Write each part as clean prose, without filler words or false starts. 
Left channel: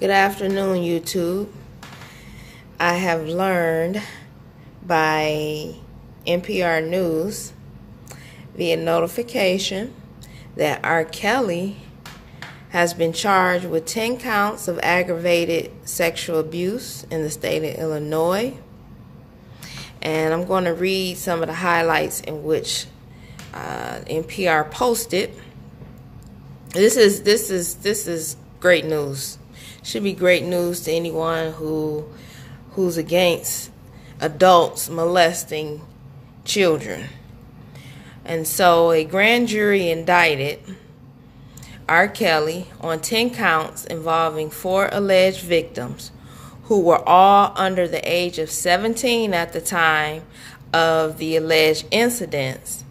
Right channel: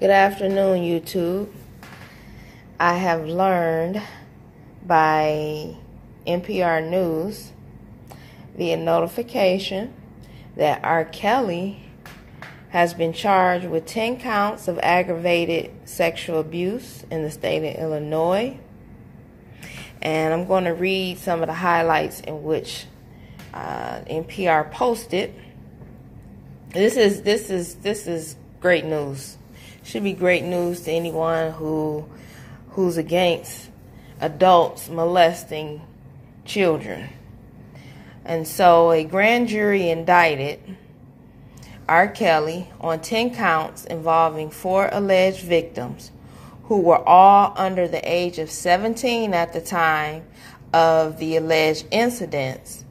Good afternoon, YouTube. I have learned by NPR News via notification that R. Kelly has been charged with 10 counts of aggravated sexual abuse in the state of Illinois. And I'm going to read some of the highlights in which NPR posted. This is great news. Should be great news to anyone who's against adults molesting children. And so a grand jury indicted R. Kelly on 10 counts involving 4 alleged victims who were all under the age of 17 at the time of the alleged incidents,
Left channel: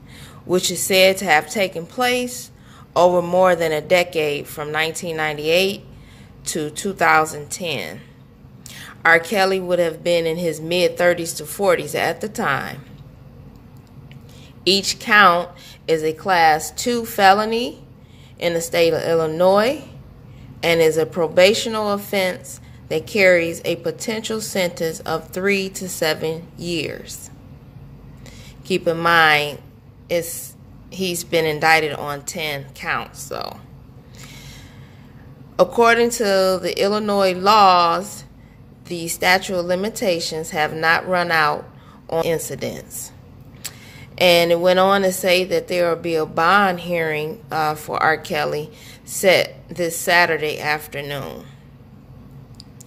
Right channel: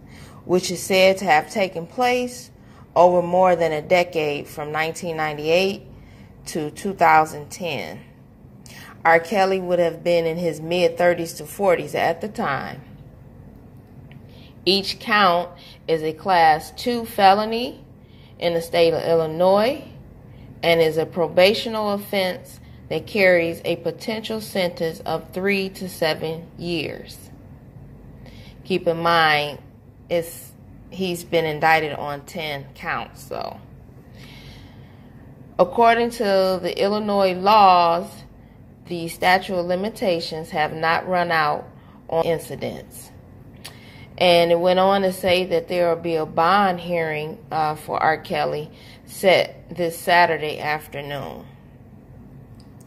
which is said to have taken place over more than a decade from 1998 to 2010. R. Kelly would have been in his mid-30s to 40s at the time. Each count is a Class 2 felony in the state of Illinois and is a probational offense that carries a potential sentence of 3 to 7 years. Keep in mind, he's been indicted on 10 counts, though. According to the Illinois laws, the statute of limitations have not run out on incidents. And it went on to say that there will be a bond hearing for R. Kelly set this Saturday afternoon.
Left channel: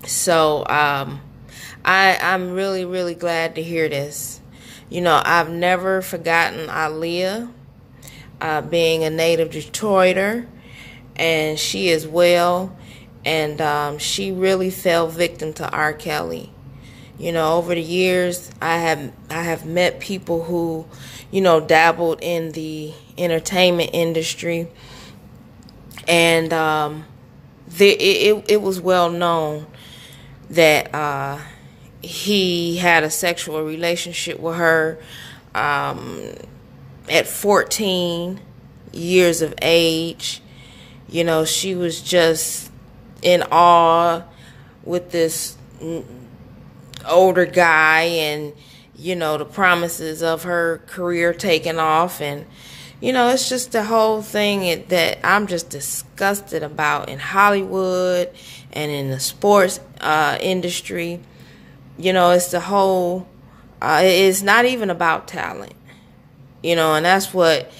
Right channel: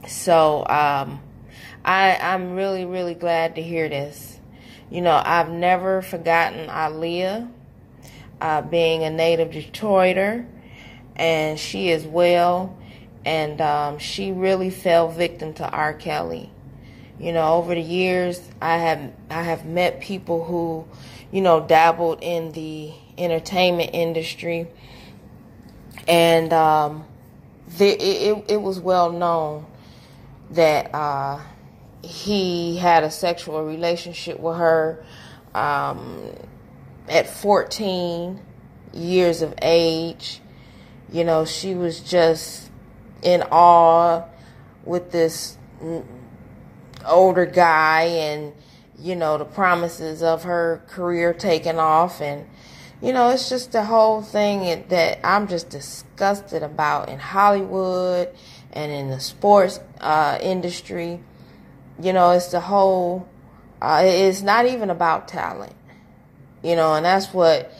So I'm really, really glad to hear this. You know, I've never forgotten Aaliyah, being a native Detroiter, and she is well, and she really fell victim to R. Kelly. You know, over the years, I have met people who, you know, dabbled in the entertainment industry, and it was well known that he had a sexual relationship with her at 14 years of age. You know, she was just in awe with this older guy, and, you know, the promises of her career taking off. And, you know, it's just the whole thing that I'm just disgusted about in Hollywood and in the sports industry. You know, it's the whole, it's not even about talent, you know, and that's what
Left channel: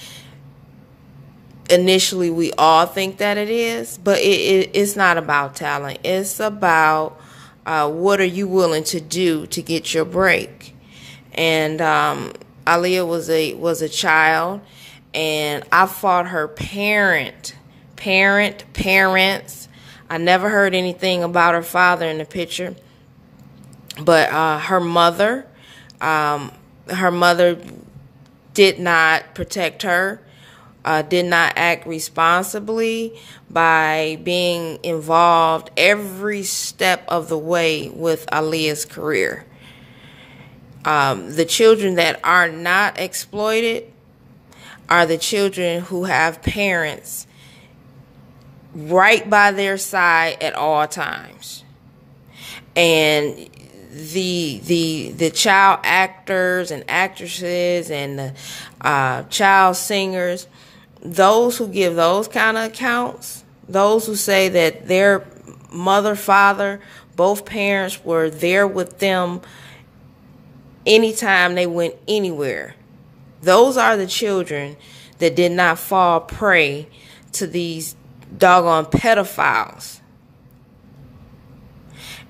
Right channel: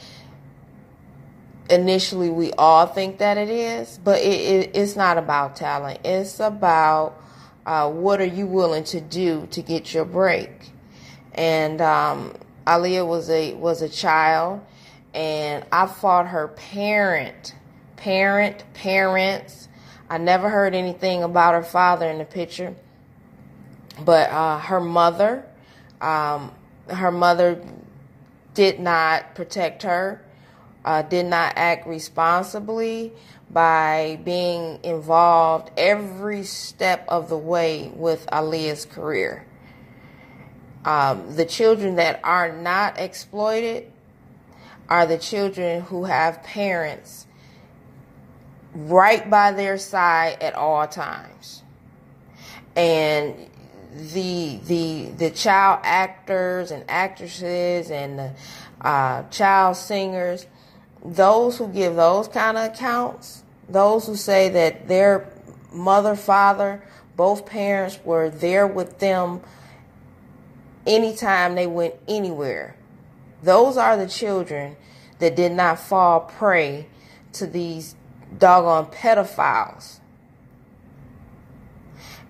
initially we all think that it is, but it's not about talent. It's about what are you willing to do to get your break. And Aaliyah was a child, and I fought her parents. I never heard anything about her father in the picture, but her mother did not protect her, did not act responsibly by being involved every step of the way with Aaliyah's career. The children that are not exploited are the children who have parents right by their side at all times. And the child actors and actresses and the child singers, those who give those kind of accounts, those who say that their mother, father, both parents were there with them anytime they went anywhere, those are the children that did not fall prey to these doggone pedophiles.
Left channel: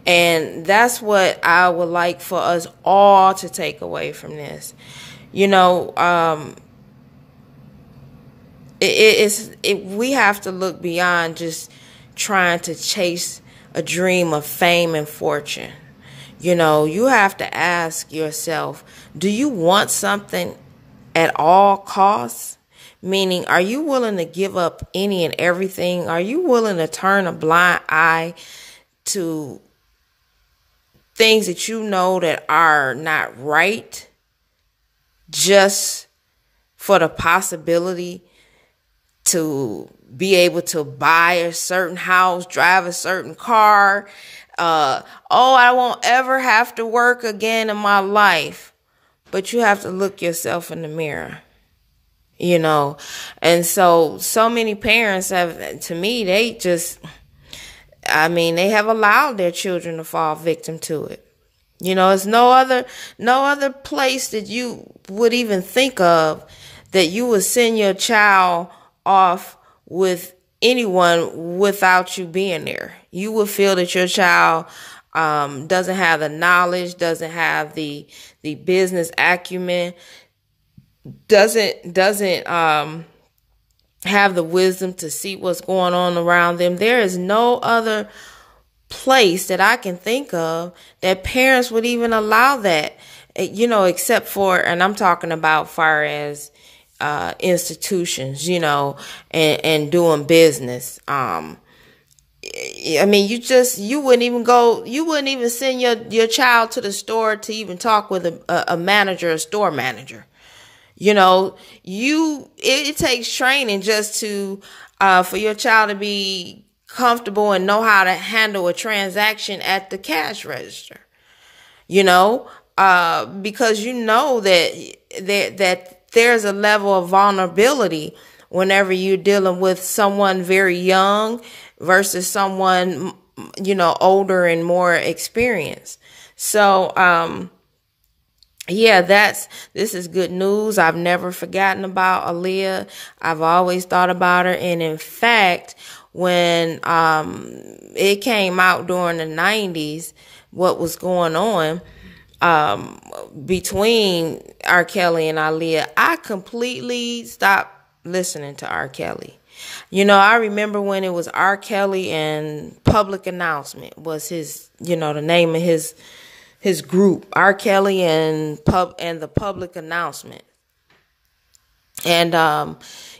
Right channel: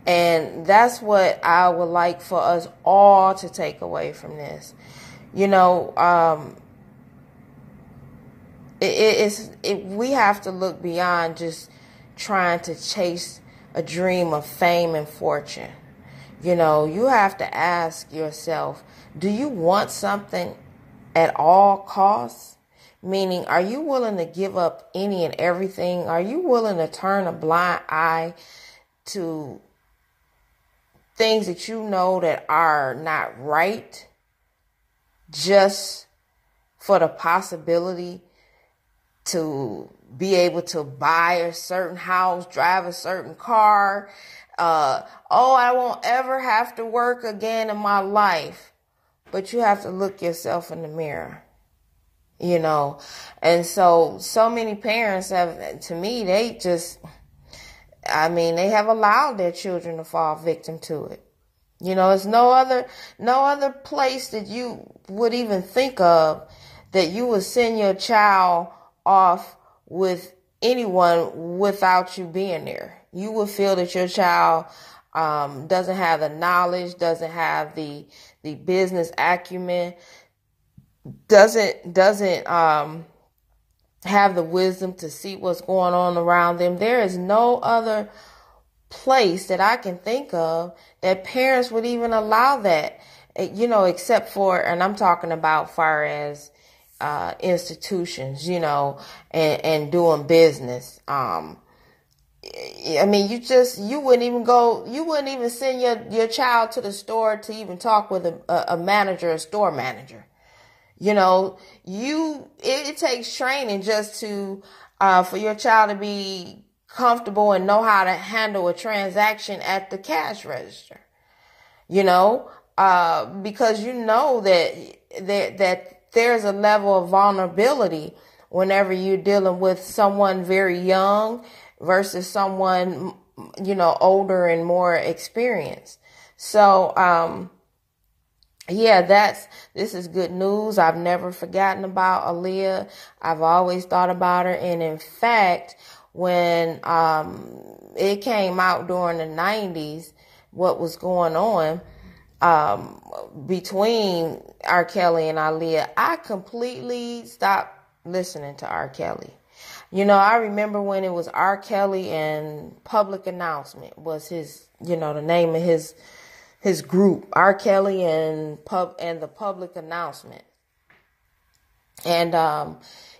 And that's what I would like for us all to take away from this. You know, we have to look beyond just trying to chase a dream of fame and fortune. You know, you have to ask yourself, do you want something at all costs? Meaning, are you willing to give up any and everything? Are you willing to turn a blind eye to things that you know that are not right just for the possibility to be able to buy a certain house, drive a certain car. Oh, I won't ever have to work again in my life. But you have to look yourself in the mirror, you know. And so many parents have, to me, they have allowed their children to fall victim to it. You know, it's no other place that you would even think of that you would send your child off with anyone without you being there. You would feel that your child doesn't have the knowledge, doesn't have the business acumen, doesn't have the wisdom to see what's going on around them. There is no other place that I can think of that parents would even allow that, you know, except for, and I'm talking about far as institutions, you know, and doing business. I mean, you wouldn't even send your child to the store to even talk with a manager, a store manager. You know, it takes training just to, for your child to be comfortable and know how to handle a transaction at the cash register, you know, because you know that there's a level of vulnerability whenever you're dealing with someone very young versus someone, you know, older and more experienced. So, yeah, this is good news. I've never forgotten about Aaliyah. I've always thought about her. And in fact, when it came out during the 90s, what was going on between R. Kelly and Aaliyah, I completely stopped listening to R. Kelly. You know, I remember when it was R. Kelly and Public Announcement was his, you know, the name of his group, R. Kelly and the Public Announcement. And,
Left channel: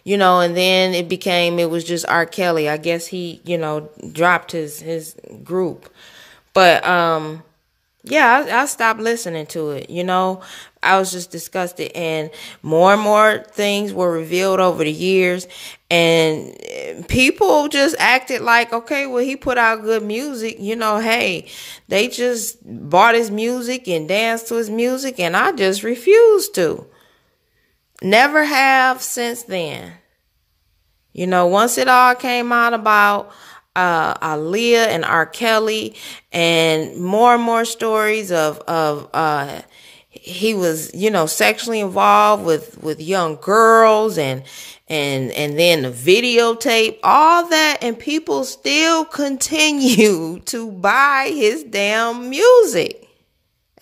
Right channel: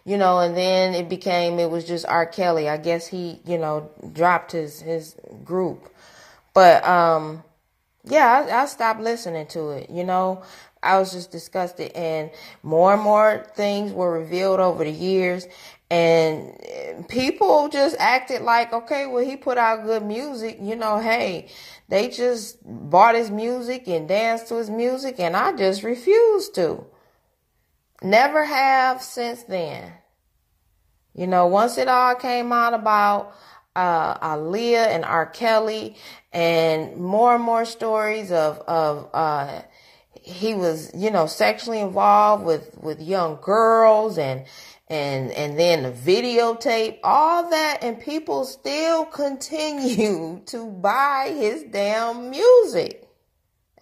you know, and then it was just R. Kelly. I guess he, you know, dropped his group. But, yeah, I stopped listening to it, you know. I was just disgusted, and more things were revealed over the years, and people just acted like, okay, well, he put out good music, you know, hey, they just bought his music and danced to his music, and I just refused to. Never have since then. You know, once it all came out about Aaliyah and R. Kelly, and more stories of he was, you know, sexually involved with young girls, and then the videotape, all that, and people still continue to buy his damn music,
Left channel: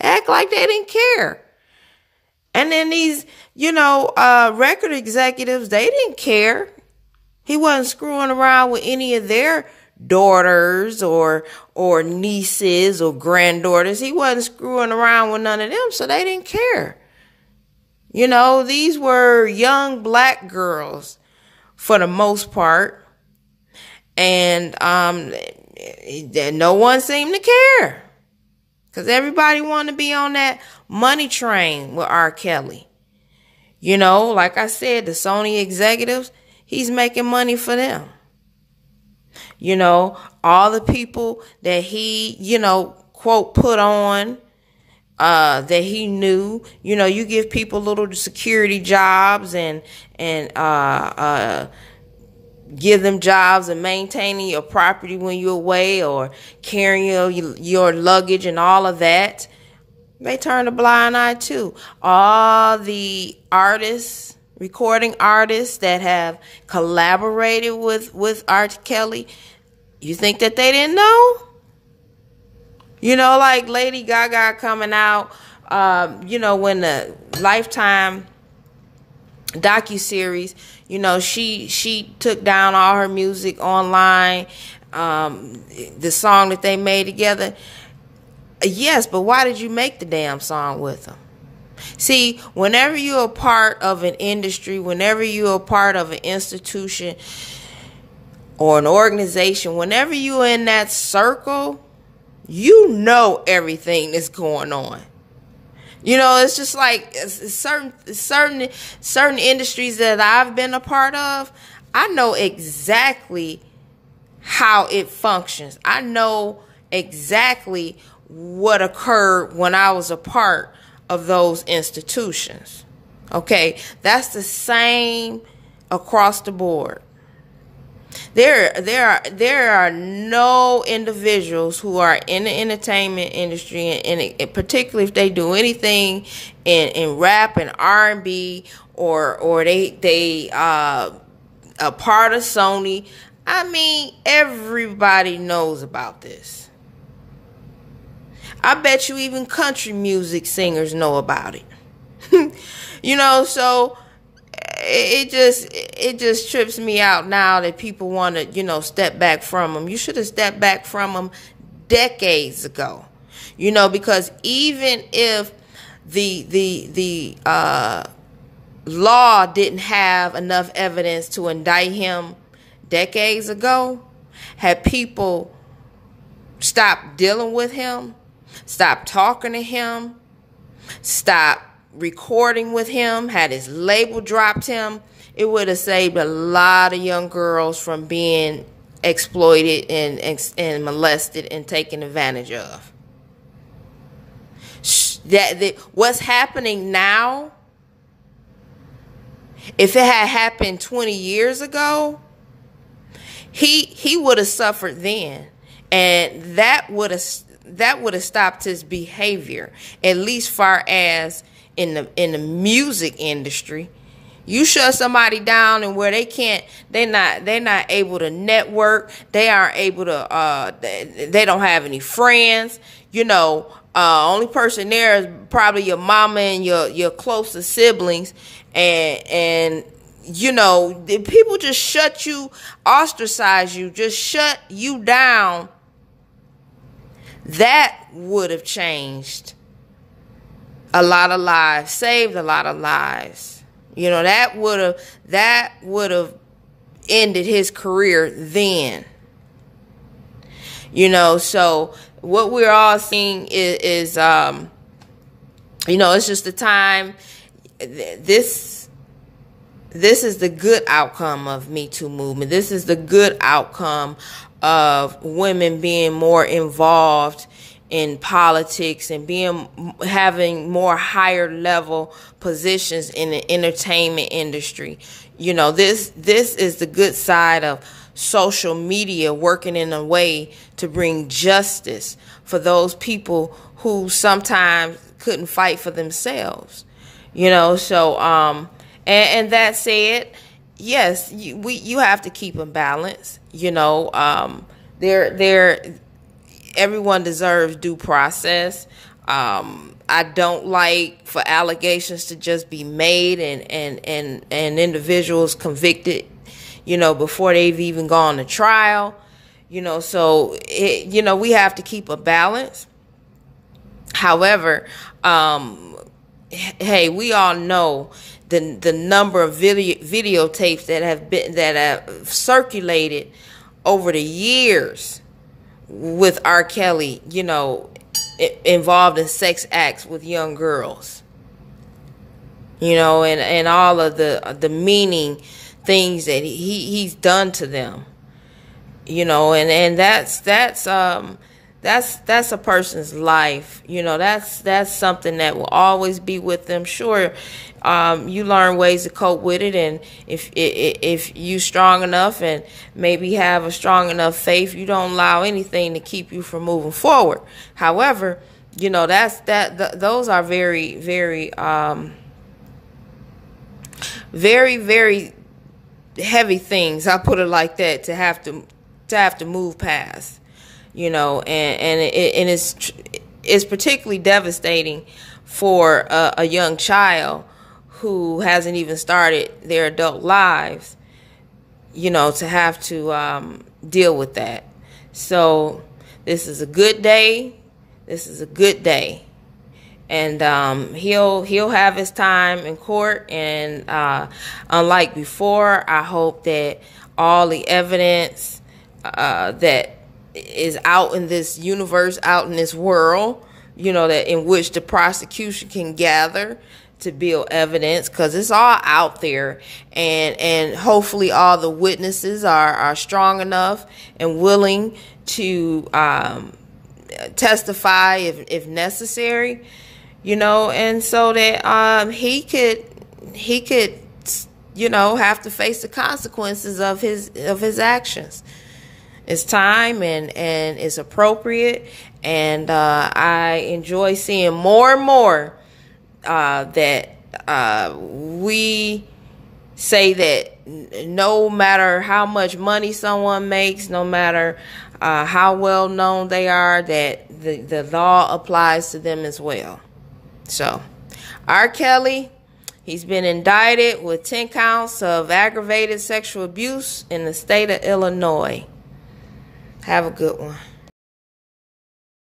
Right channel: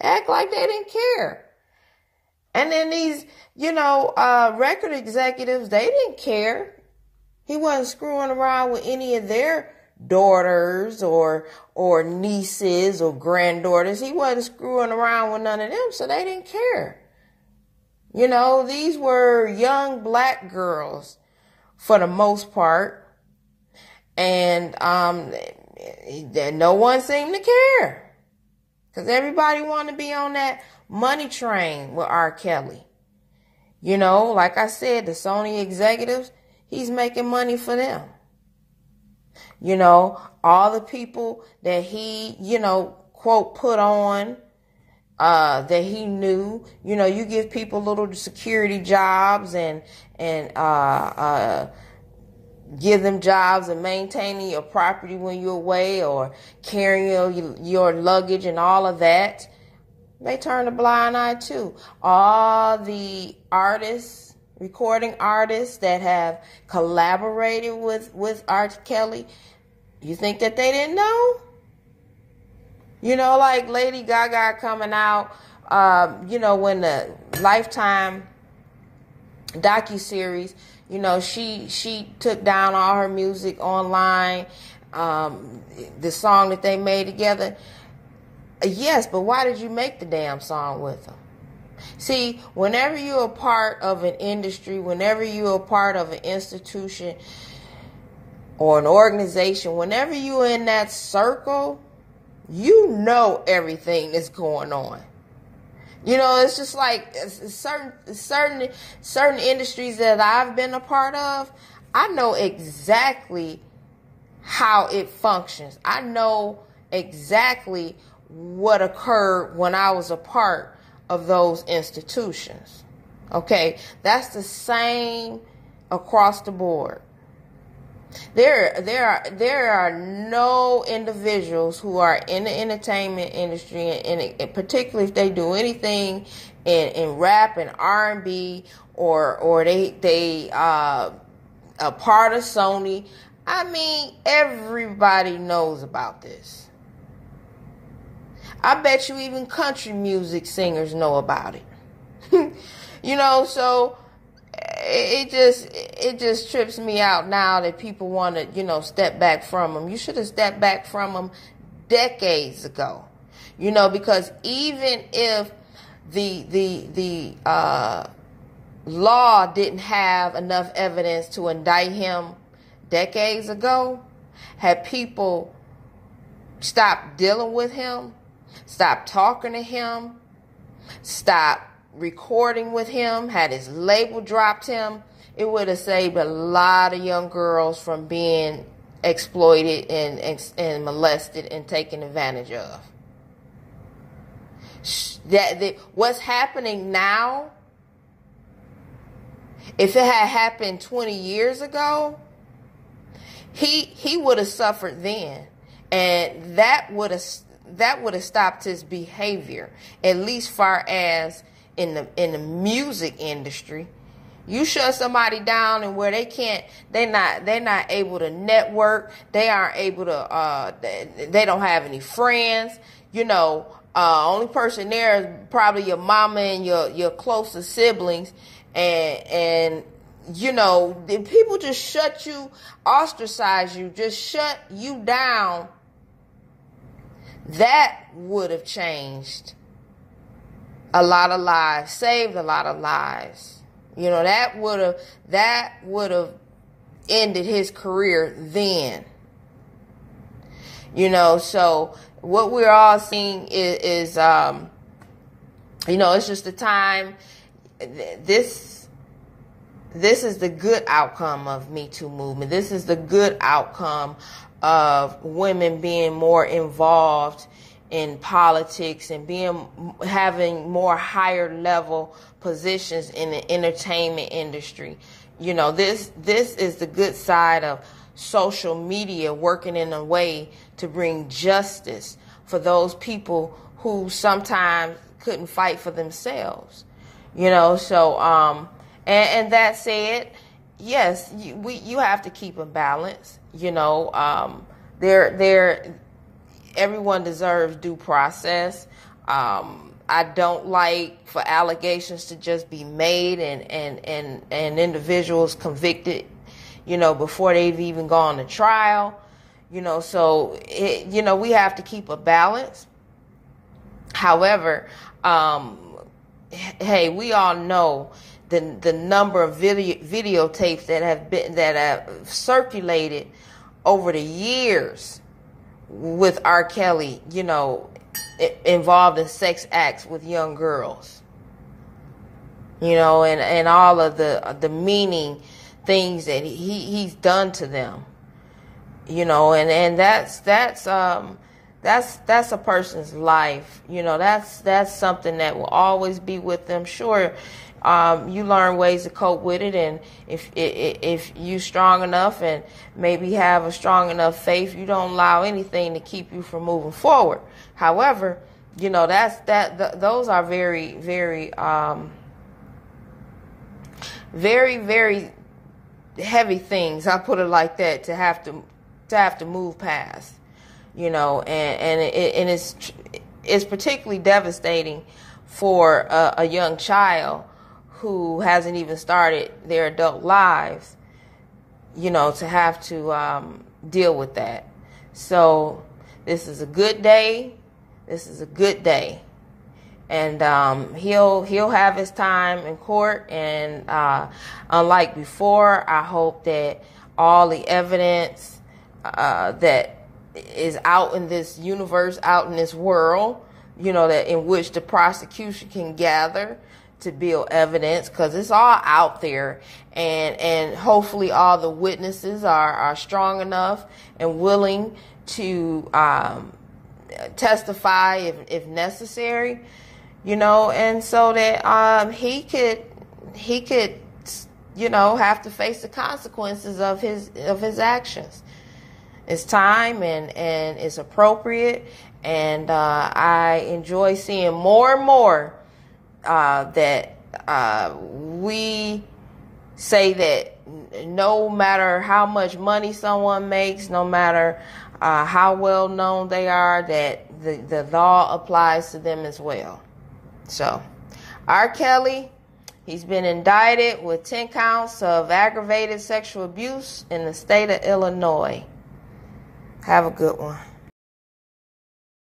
act like they didn't care. And then these, you know, record executives, they didn't care. He wasn't screwing around with any of their daughters or nieces or granddaughters. He wasn't screwing around with none of them, so they didn't care. You know, these were young black girls for the most part, and no one seemed to care because everybody wanted to be on that money train with R. Kelly. You know, like I said, the Sony executives, he's making money for them. You know, all the people that he, you know, quote, put on, that he knew, you know, you give people little security jobs and give them jobs and maintaining your property when you're away or carrying your luggage and all of that. They turn a blind eye too. All the artists, recording artists that have collaborated with R. Kelly, you think that they didn't know? You know, like Lady Gaga coming out, you know, when the Lifetime docuseries, you know, she took down all her music online, the song that they made together. Yes, but why did you make the damn song with them? See, whenever you're a part of an industry, whenever you're a part of an institution or an organization, whenever you're in that circle, you know everything that's going on. You know, it's just like certain industries that I've been a part of, I know exactly how it functions. I know exactly what occurred when I was a part of those institutions. Okay, that's the same across the board. There are no individuals who are in the entertainment industry, and particularly if they do anything in rap and R&B, or they a part of Sony. I mean, everybody knows about this. I bet you even country music singers know about it. You know, so it just trips me out now that people want to, you know, step back from them. You should have stepped back from them decades ago. You know, because even if the law didn't have enough evidence to indict him decades ago, had people stopped dealing with him, stopped talking to him, stopped recording with him, had his label dropped him, it would have saved a lot of young girls from being exploited and molested and taken advantage of. What's happening now, if it had happened 20 years ago, he would have suffered then, and that would have stopped his behavior, at least far as in the music industry. You shut somebody down and where they're not able to network, they aren't able to they don't have any friends, you know, only person there is probably your mama and your closest siblings, and you know, people just shut you, ostracize you, just shut you down. That would have changed a lot of lives, saved a lot of lives. You know, that would have ended his career then. You know, so what we're all seeing is you know, it's just the time. This is the good outcome of Me Too movement. This is the good outcome of women being more involved in politics and having more higher level positions in the entertainment industry. You know, this is the good side of social media working in a way to bring justice for those people who sometimes couldn't fight for themselves. You know, so and that said, yes, you have to keep a balance. You know, everyone deserves due process. I don't like for allegations to just be made and individuals convicted, you know, before they've even gone to trial. You know, so you know, we have to keep a balance. However, hey, we all know the number of videotapes that have circulated over the years with R. Kelly, you know, involved in sex acts with young girls, you know, and all of the meaning things that he's done to them, you know, and that's a person's life, you know. That's something that will always be with them. Sure, you learn ways to cope with it, and if you strong enough and maybe have a strong enough faith, you don't allow anything to keep you from moving forward. However, you know, those are very, very, very, very heavy things. I put it like that, to have to move past. You know, and it's particularly devastating for a young child who hasn't even started their adult lives, you know, to have to deal with that. So this is a good day. This is a good day. And he'll have his time in court. And unlike before, I hope that all the evidence that is out in this universe, out in this world, you know, that in which the prosecution can gather to build evidence, because it's all out there, and hopefully all the witnesses are strong enough and willing to testify if necessary, you know, and so that he could you know, have to face the consequences of his actions. It's time, and it's appropriate, and I enjoy seeing more and more that we say that no matter how much money someone makes, no matter how well known they are, that the law applies to them as well. So, R. Kelly, he's been indicted with 10 counts of aggravated sexual abuse in the state of Illinois. Have a good one.